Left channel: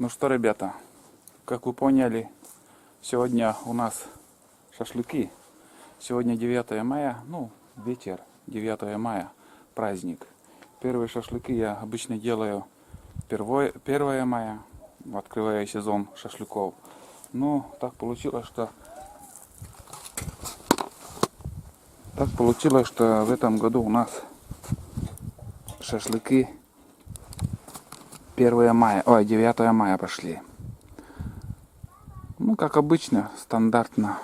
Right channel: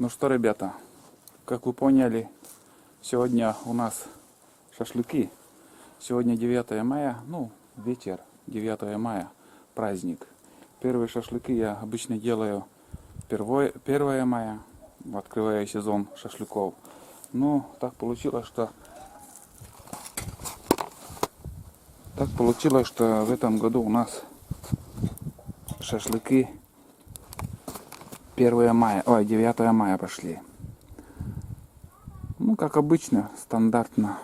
Ну что, ребята, как вы поняли, сегодня у нас шашлыки. Сегодня 9 мая, ну, вечер, 9 мая, праздник. Первые шашлыки я обычно делаю 1 мая, открывая сезон шашлыков. Но так получилось, что в этом году у нас шашлыки 9 мая пошли. Ну, как обычно, стандартно.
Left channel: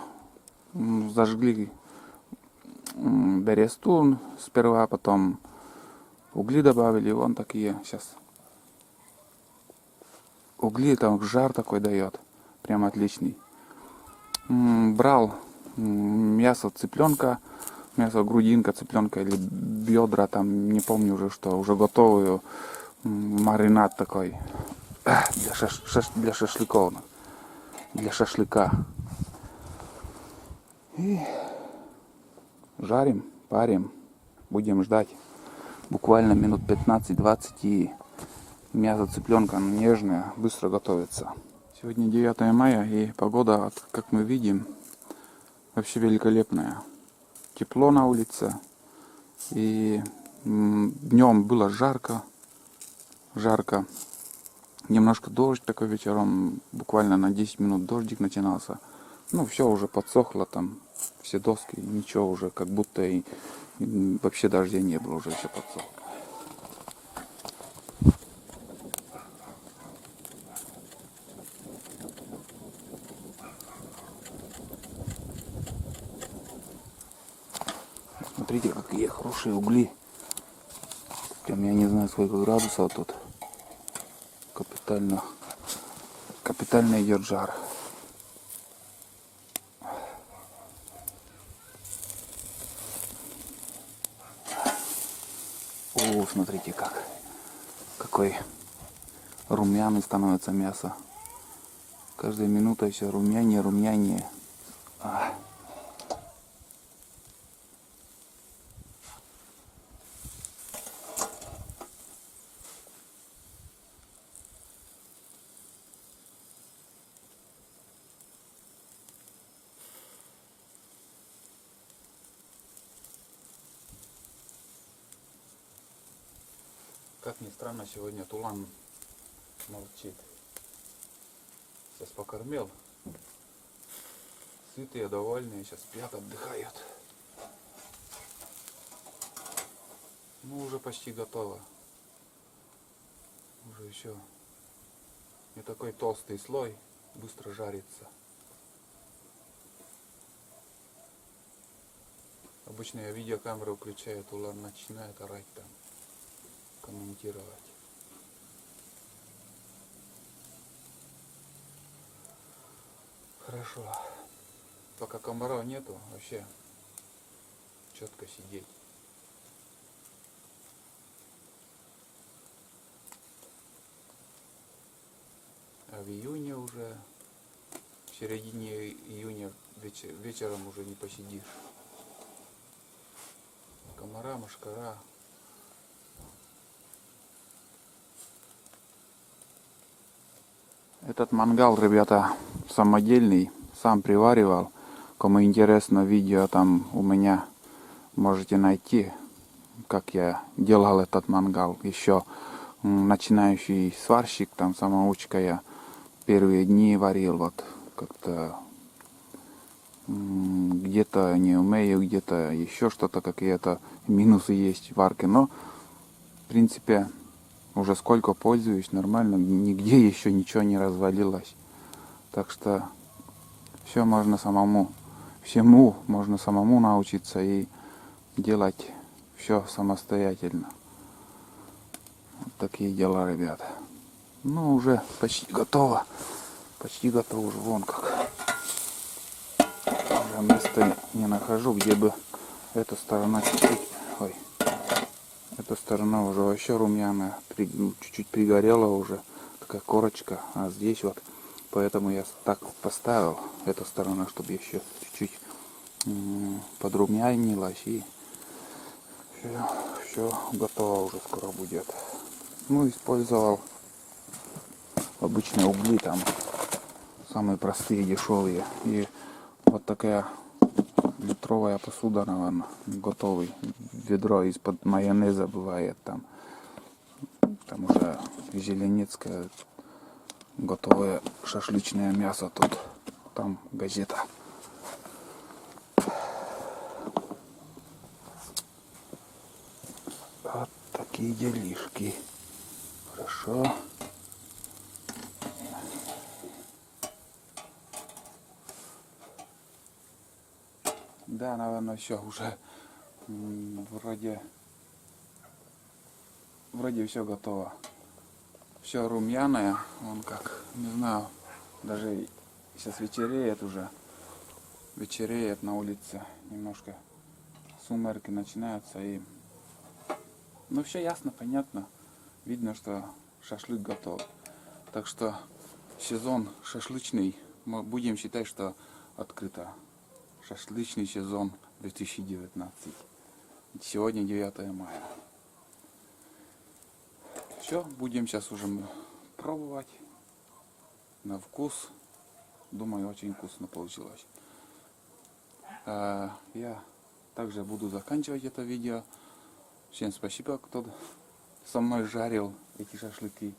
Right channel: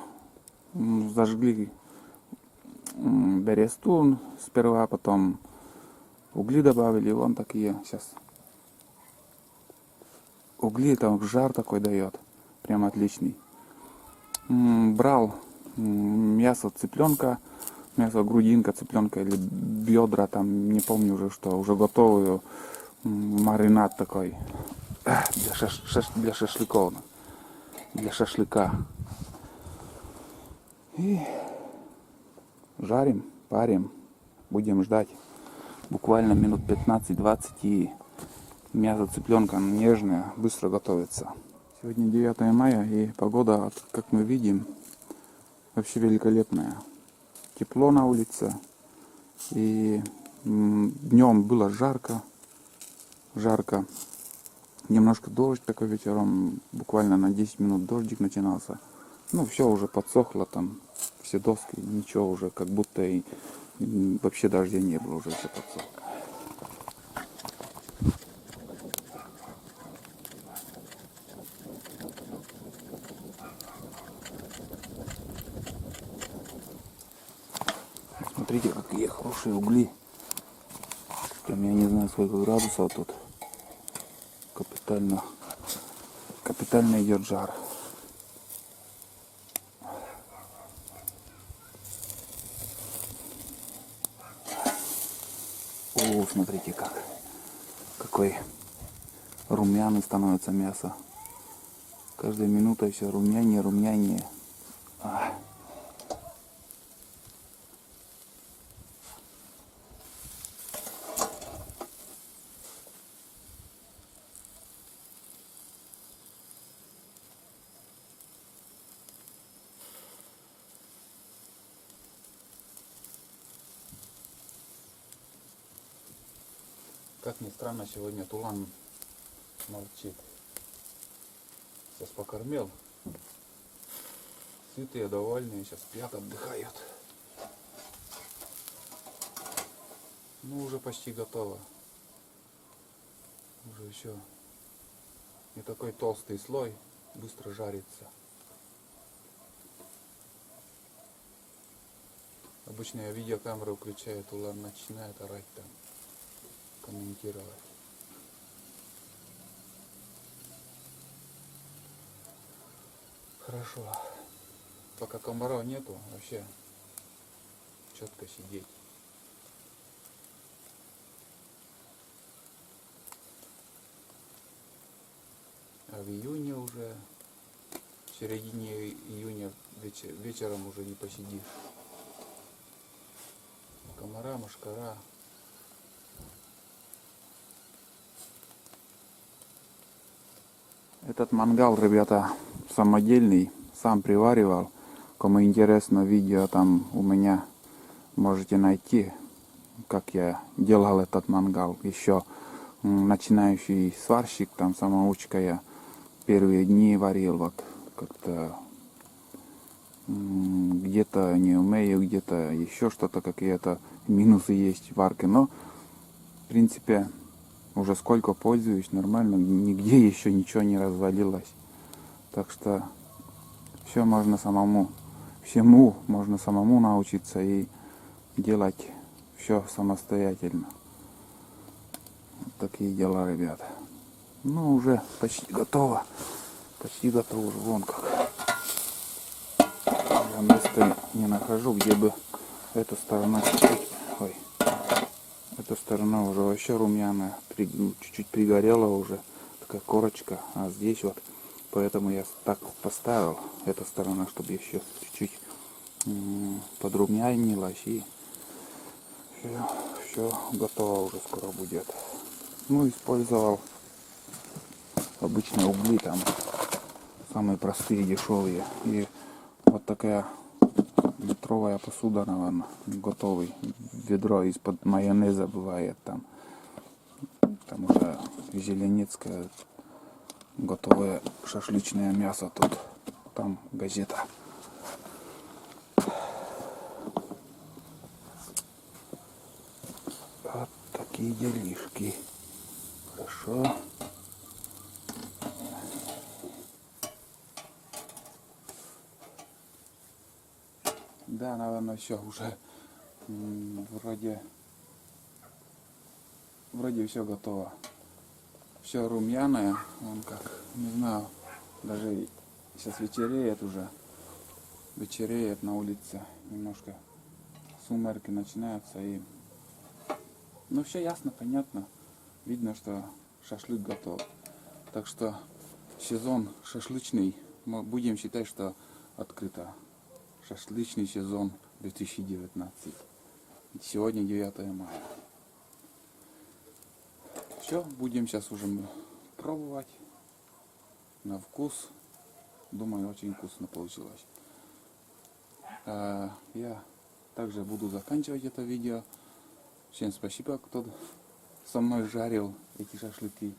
Зажгли берестун сперва, потом угли добавили, вон такие сейчас. Угли, там жар такой дает, прям отличный. Брал мясо цыпленка, мясо грудинка цыпленка или бедра, там не помню уже что, уже готовую, маринад такой для шашлыков, для шашлыка. И жарим, парим, будем ждать буквально минут 15-20, и мясо цыпленка нежное, быстро готовится. Сегодня 9 мая, и погода, как мы видим, вообще великолепная. Тепло на улице, и днем было жарко. Немножко дождь такой вечером, буквально на 10 минут дождик начинался. Ну, все уже подсохло там, все доски, ничего уже, как будто и вообще дождя не было, уже все подсохло. Смотрите, какие хорошие угли. Прям я не знаю, сколько градусов тут. Капитально идет жар. О, смотрите, какой румяный становится мясо. Каждая минута все румянее. Как ни странно, сегодня Тулан молчит. Сейчас покормил. Сытые, довольные, сейчас спят, отдыхают. Ну, уже почти готово. Уже еще не такой толстый слой, быстро жарится. Обычно я видеокамеру включаю, Тулан начинает орать там, комментировать. Хорошо. Пока комаров нету, вообще четко сидеть. А в июне уже, в середине июня вечером уже не посидишь. Комара, мошкара. Этот мангал, ребята, самодельный, сам приваривал. Кому интересно, видео там у меня можете найти, как я делал этот мангал. Еще начинающий сварщик, там самоучка, я первые дни варил, вот как-то где-то не умею, где-то еще что-то, какие-то минусы есть в варке, но в принципе Уже сколько пользуюсь, нормально, нигде еще ничего не развалилось. Так что все можно самому, всему можно самому научиться и делать все самостоятельно. Вот такие дела, ребята. Ну, уже почти готово. Почти готово уже, вон как. Я места не нахожу, где бы эта сторона чуть-чуть, ой, эта сторона уже вообще румяная, чуть-чуть пригорела уже, такая корочка, а здесь вот, поэтому я так поставил эту сторону, чтобы еще чуть-чуть подрумянилась, и все готово уже скоро будет. Ну, использовал обычные угли, там самые простые, дешевые, и вот такая литровая посуда, наверное, готовый. Ведро из-под майонеза бывает там. Там уже зеленецкое готовое шашлычное мясо тут. Там газета. Вот такие делишки. Хорошо. Да, наверное, все уже вроде все готово. Все румяное, он как, не знаю, даже сейчас вечереет уже. Вечереет на улице, немножко сумерки начинаются, и ну все ясно, понятно. Видно, что шашлык готов. Так что сезон шашлычный, мы будем считать, что открыто. Шашлычный сезон 2019. Сегодня 9 мая. Все, будем сейчас уже пробовать на вкус. Думаю, очень вкусно получилось. Я также буду заканчивать это видео. Всем спасибо, кто со мной жарил эти шашлыки.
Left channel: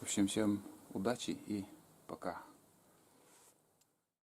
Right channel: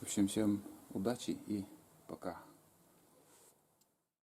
В общем, всем удачи и пока.